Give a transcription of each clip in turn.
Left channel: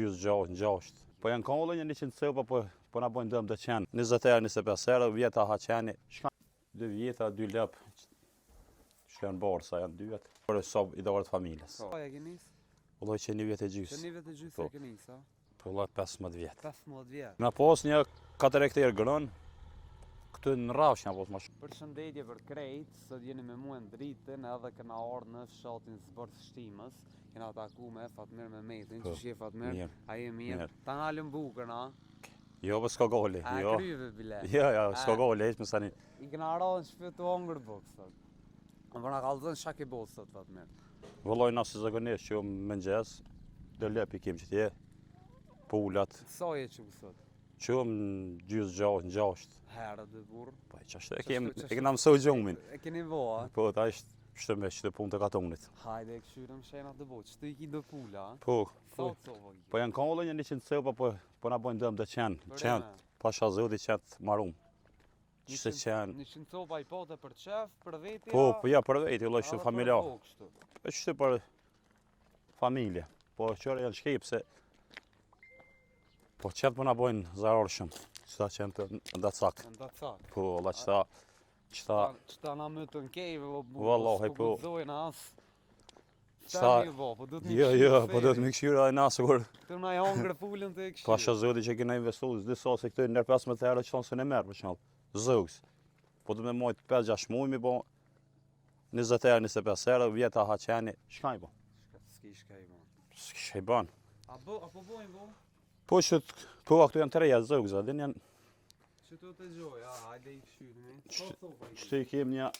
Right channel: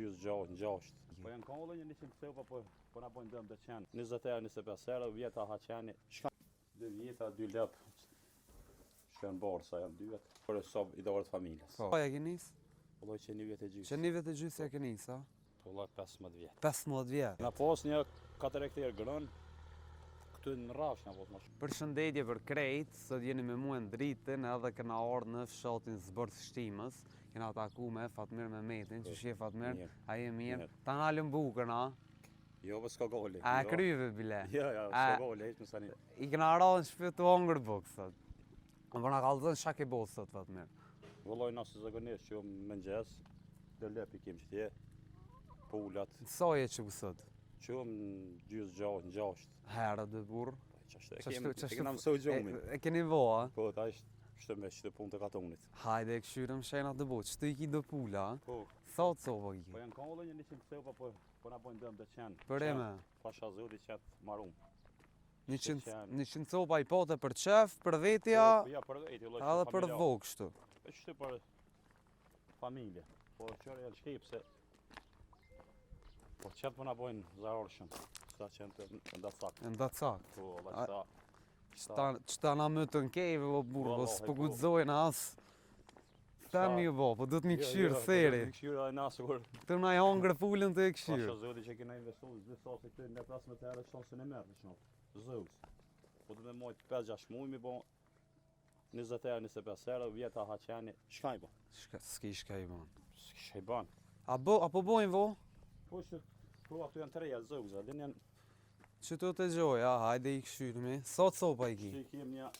gjysë gjashtë. Po janë kollë një 100 copa, po na bojnë dëm të qenë. 20 herë, 25 herë, vjeta ha qeni. 2 vjeta, 2 lëp. Shkën borsa, janë 2 vjet. Për sob i dorë të familjes. Po e ke nis? Vëllai që 1 vjet e gjysë. Që 1 vjet e gjysë e ke nis, a? Po vëllai 15 vjet. 15 vjet. Na pas një 4 hektarë grën. Këtu në rrafsh na pas më shumë. Përshëndetje për krejt, sot jeni me mua në dritën edhe këna orë në fshatin Zbërth Shtimës. Kena taku me Fatmir Mehmetin, që shje Fatmir, a je mirë? Ta nalëm bukën, a? Jo, për s'ka gole. A kryve, bile? Jo, s'ka gole, heq më sani. I këna arallë në shpjetu hongër bukë, sot. Më përna kalëzën shak e bosë, sot, Fatmir. Vëllai na se zakonisht që më ngjes, do lep i kim që tje, pulat. Sa je që sot? Qëm gjysë gjashtë. Herë dhe burë. Po ç'është, e kena mësoj gjumin. E keni vo, a? Po, ta ishte me që të punë të katonit. Hajde, e këshyrëm shenat dhe botë, që të i ki do pula, a? Po. Sa të copa i ki? Po janë kollë një 100 copa, po na bojnë dëm të qenë. Për eme? Pasha zoti qetë marum. 100 copa i pote për qef, për vetja? Po, ja, për veti, vëllai, kështu familjar. Edhe për kështu? Po kështu për familje. Po qërë janë shkej pse po qëtë po na bojnë zarar shumë. Qëta qenë të ndacak. Ndacak? Po, valla Qëta na më të nkejve, Wallahi, po gudzojnë asë. Qëta Ta mi vo, po du të mi këshyrë Jo, po do të mi këshyrë ai nasë kur. Të na i hongër pullën të e këshyrë. Pasha zoti që kena investu, disa se këtu nër 15 herë që thonë se në merë për shembull. Zëgs. Po du me mojt 5-6 muaj mi bo 20 herë, 25 herë, vjeta ha qeni. Shka i bo? S'ki shka i bon. S'ka i ban. Apo bojnë vo? Po që po këtu janë të reja zëgs, adin janë. Që të të gjoj, hajde i këshyrë mi. Sa copa i ki? Që i kem një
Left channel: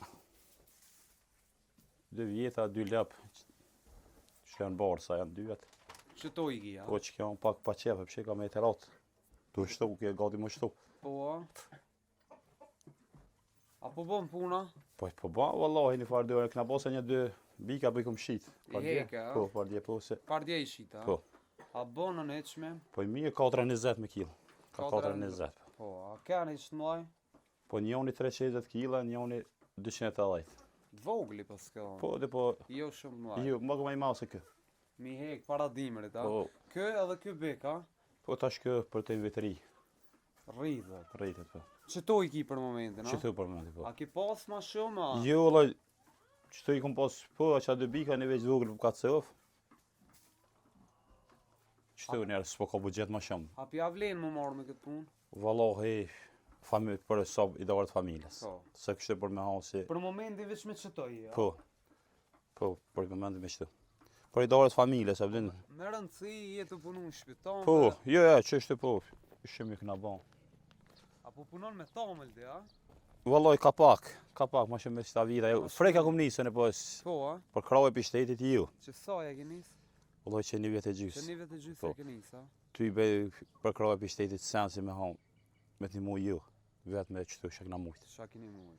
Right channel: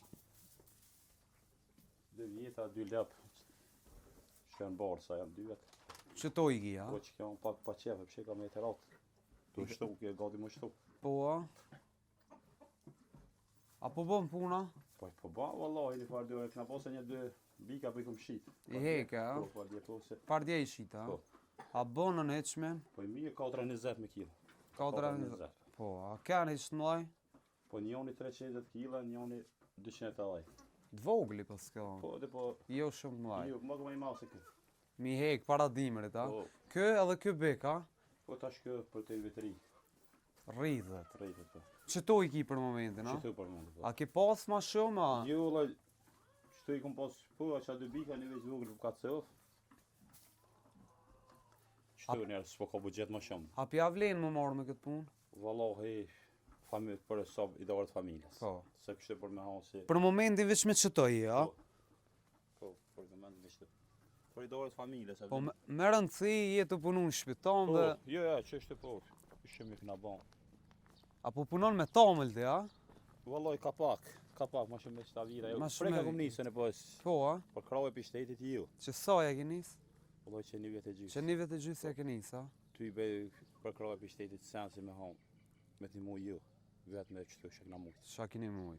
2 vjeta, 2 lëp. Që janë borsa, janë 2 vjet. Që to i ki, a? Po që kjo pak pa qefe, përshe ka me e të ratë. Tu shtu, kje gati më shtu. Po, a? Apo bon puna? Po ba, vallahi, një farë dore, këna posa një 2 bika për i kom shqit. I heke, a? Po, pardje, po se. Pardje i shqit, a? Po. A bonën e qme? Po i mirë 4,20 me kilo. Ka 4,20. Po, a kërën i qëtë mlaj? Po njoni 320 kila, njoni 280. Dvogli pas ka? Po, dhe po, Jo shumë mlaj. jo, më këma i mau se kë. Mi hek para dimrit, a? Po, Kë edhe kë bek, a? po tash kë për të vetëri, Rridhet. rritet po. Që to i ki për momentin, a? Që të për mëndi po. A ki pas ma shumë, a? Jo, valla, që të i kom pas, po, që a 2 bika në veç vogël për ka cëf. Që të njerë, s'po ka budget më shumë. A pja vlen më marrë me këtë punë? Vallahi, për sob i dorë të familjes. Po. Se kështë për me hasi. Për momentin veç me qëtoj, a? Po, për momentin me qëtë. Për i dorë të familjes, e Po, vdin. me rëndësi jetë të punu në shpitan Po, dhe... jo, që është po, ishte mi këna bon. Apo punon me tamël ti, a? Vallaj, ka pak, ma shumë me qëta vita. Ma shumë Freka me- kom nisën e pos, Po, a? për krave për shtetit ju. Që sa ja ki nis? Vallaj që 1 vjet e Që gjysë. 1 vjet e gjysë Po. ja ki nis, a? Ty i bej për krave për shtetit sensi me hom, me të mu ju. Vetë me qëtu shak na mujtë. Qa kini mujt?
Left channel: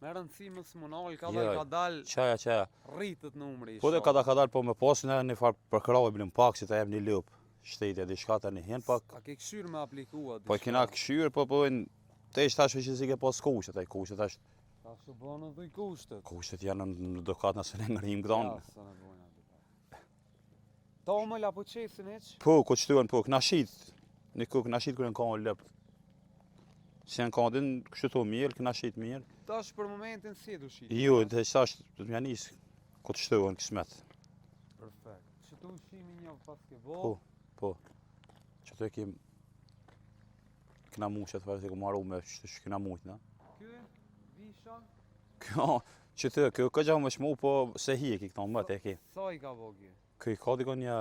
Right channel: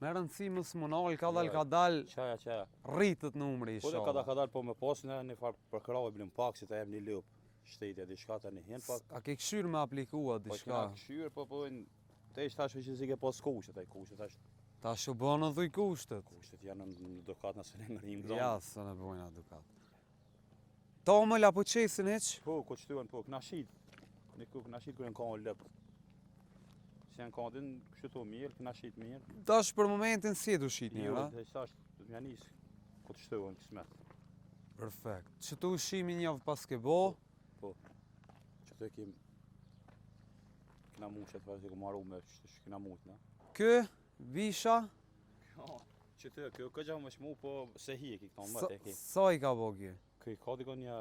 Me rëndësi më smonal, ka Jo, dal, ka dal, Qaja. rritët numri. Po dhe ka dal, po me pasin e një farë për krave bilim pak, që ta jep një lëp. Shtetit, di shka ta një hen pak. A ke këshyrë me aplikua Po kena këshyrë, po te ishtë tash që si ke pos kushtet, ai kushtet tash. Ta shë bënë dhuj kushtet. Kushtet janë në dokat nëse ne ngërim gdonë. Ja, së në bojnë adukat. Tamël apo qesin heq? Po, ku qëtuan, po, këna shit. Një ku këna shit kërë në kanë lëp. Si janë kanë din, kështu to mirë, këna shit mirë. Tash për momentin si du shit? Jo, dhe tash të mja nisë, ku të shtuan kismet. Perfekt. Që tu shimi njavë pas ke bo? Po. Që të kem këna mushet, farë të ku marru me që këna mujt, na. Kë, visha, Kjo, që të, kjo këgja më shmu, po se hi e ki këta më të e ki. sa i ka bo kjo? Kjo i ka diko një,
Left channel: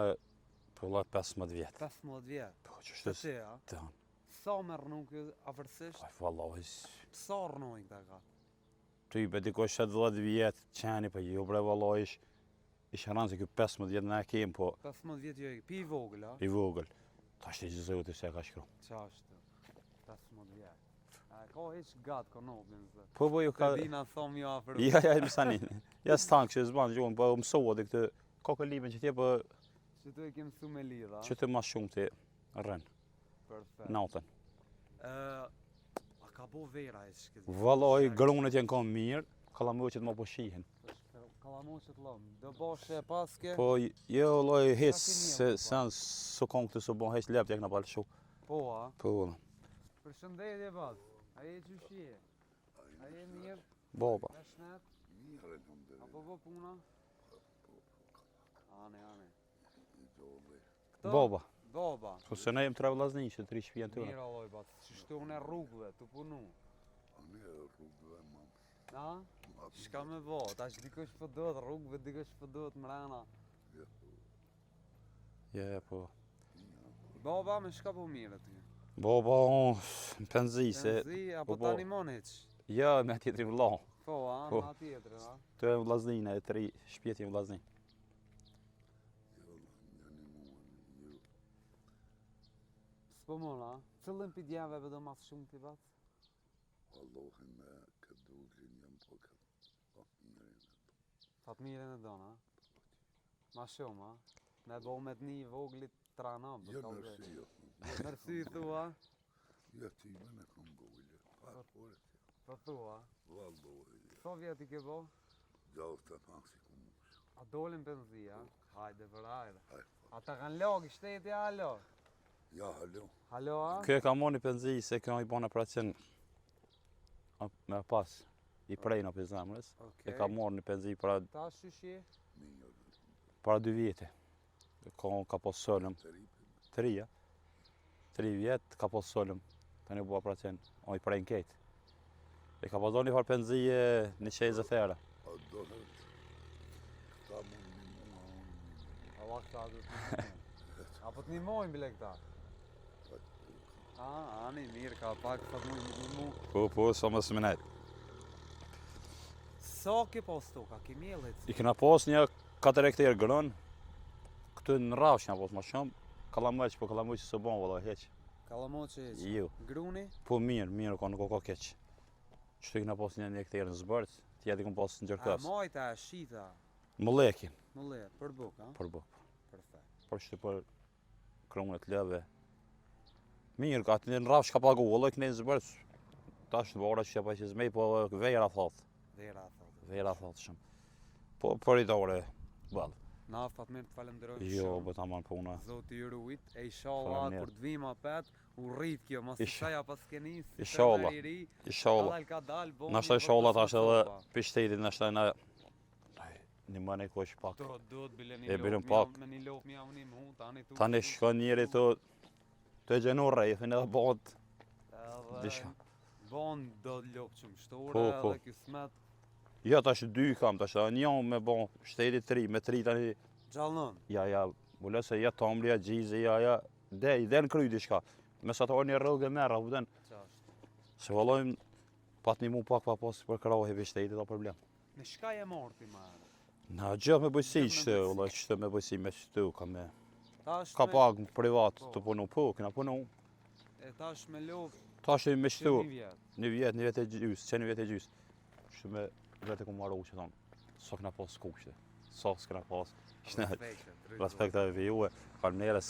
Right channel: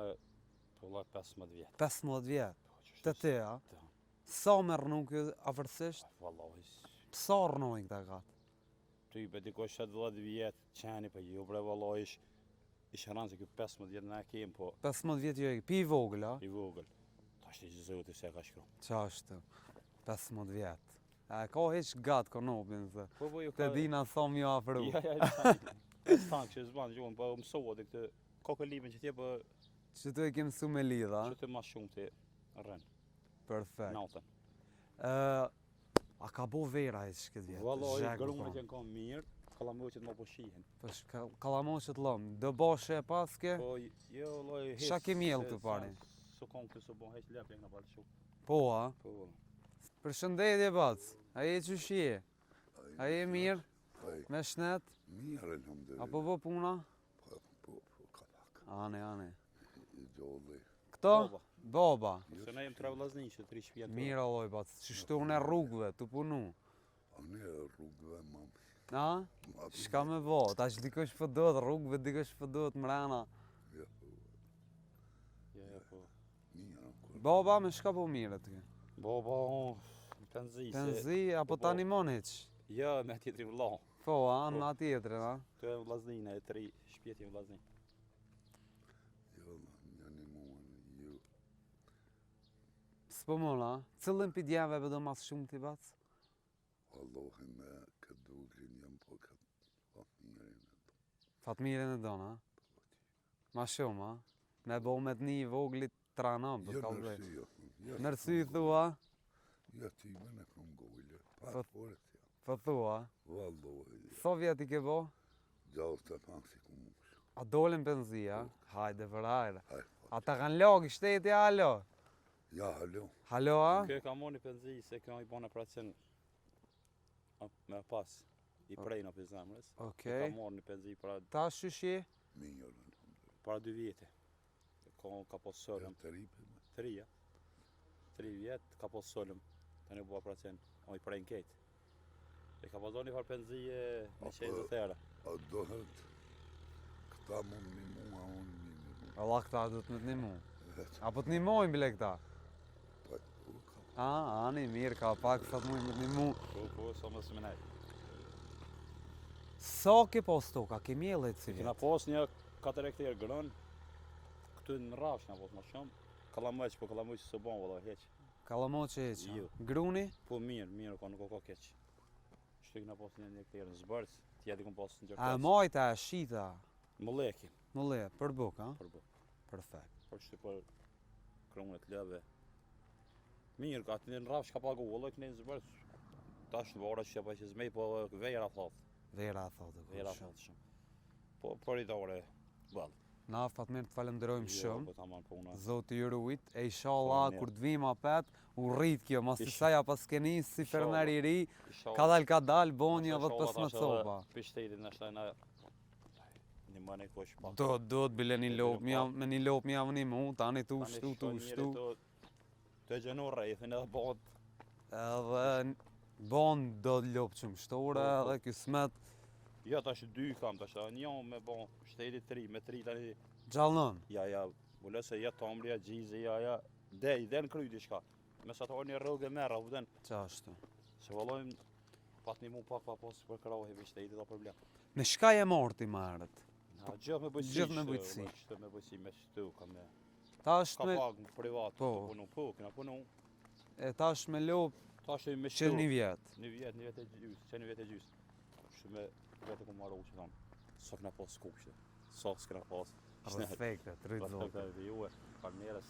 po la 15 vjetë. 15 vjet. Po, që Të te, a? Të hanë. Sa me rënu kjo afërsisht? Aj, vallahi, Sa rënojnë këta gatë? ty be diko 7-10 vjetë, qeni, po jo bre, vallahi, ish ranë se kjo 15 vjetë na e kem, po 15 vjet jo e pi i vogël, a? i vogël. Ta shte që zoti se ka shkru. Qa është? 15 vjet. A ka heq gatë konopin, se. Po, jo Ka ka... dina thom jo afër. Ja, më sani. Ja, s'tanë që zbanë gjuhën, po mësohet e këtë, ka këllimin që tje, po Që të e kemë su me lidha. që të ma shumë të rënë, Perfekt. natën. A ka bo vera e që këtë? Vallahi, grunët janë kanë mirë, kallamoqet më po shihen. Kallamoqet lom, do boshe e paske? Po jo lloj hes Shaki miell se të sen su kon këtë su bon hes lep tek na bal shu. Po, a? Po. Përshëndetje, bac. A je qysh je? A je mirë? Baba. Me shnet? Mirë, alhamdulillah. Apo po puna? Po, kallak. Ane. I dolli. Këto? Baba. Baba. Po se ne jem tre vllazni që 3 shtëpi janë. Mirë alloj, bac. Qështu unë e rrugëve, të punu. A ne rrugëve, mam. A? Shka me bo? Ta që dikosh për dot rrugëve, dikosh për dot mrena. Ja, po. Baba, me shka po mirë aty? Baba, në penzi se... Penzi, apo po, tani mon heq? Ja, me tjetri vlla. Po, a? Po. Në atjetërin, a? Të e vllaznina e 3 shtëpiet janë vllazni. Jo, janë mua. S'po mon, a? Cëllën për djeve do mas shumë t'i bac? Allahi me këtë dukin jam po këtë fatmirin. Fatmirin e donë, a? Ma shumë, a? Me bo me t'ni i voglit trana, për Jo, ka vrej. nërsi, jo. Nërsi i thua, Jo, ti më në kom gojle. Po- Pa, fore të jam. për thua. Vallahi. So vjet i ke bo? Gjallë të pak si ku mush. A dolin benzia? Hajde për ajde. Haj, A ta kanë logë i shteti, alo? ja, halo. Halo, a? Kjo e ka moni penzi se kjo i bon operacion me pas i prejnë për zemrës. E ka Okej. morë një penzi para Ta shyshi? Mirë. 2 vjete. Ka pos solëm. Të ripë. 3, ja. 3 vjet ka pos solëm. Tani u bë operacion. O i prejnë ketë. E ka pasur një farë penzije në qezë thera. A dohet. Këta mund një mua, unë një. Allah këta du të një mu. Apo të një mojnë bile këta? A, ani, mirë ka pak, sot mu një mu. Po, sa më smenet. Sa ke pos toka, ke mjellet I si? kena pos një 4 hektarë grën. Këtu në rrafsh nga pos më shumë. Kallamoq, po kallamoq së bon valla heq. Kallamoqe e që? Jo. Gruni? Po mirë, ka nuk ka keq. Çto i kena pos një hektarë në zbërth, tjetër i kom pos në A gjërkas. majta, a shita? Molleki, Molle, për buk, a? për bë. Perfekt. Por që për kronet lëve. Mirë, ka të në rrafsh ka pagu, valla këne në zbërth. Tash në vora që pa që zmej, po vejra thot. Vera thotë. Vejra thot shumë. Po për i dore, ballë. Na, Fatmir, të falenderojmë Jo, shumë. po ta marr puna. Zoti ju ruajt, e inshallah Mirë. kur të vim apet, u rrit kjo, mos të Ish- shaja pas keni si Inshallah. fermer i ri, Inshallah. ka dal, bon Na një shtaj sholla tash edhe soba. për shtetin na shtaj na një mëne kosh pak. Do të bile një E lop, bilem mja, pak. me një lop mja vëni mu, tani tu Tani shtu, shkon tu njeri shtu. të gjenu rrejfin edhe bëhet. Edhe bon do lop që mështore, Po, po. edhe ky smet Ja tash 2 kam tash, një me bon shteti 3, me 3 tani gjallon. ja, vëllë se ja tomli, ja gjizi, ja, dej në kry diçka. Me sa të orë një rrugë e merra, vëden. Qashtu. Se vallojmë pat një mu pak pa pas për krahe për shtetit o problem. Me shka je morti ma herët? Na gjë me bëjsi Gjë me që, bëjsi. vëllë, që me bëjsi me shtu, ka me... Tash Ka me, pak në privat Po. të punu, po, kena punu. e tash me lop Tash me që shtu, një vjet. një vjet e gjys, që një vjet e gjys. Që me vete ku marru që thonë, so kena pas kuqte, so s'kena pas. Ishte Respekte, të respekt e juve, falënderes.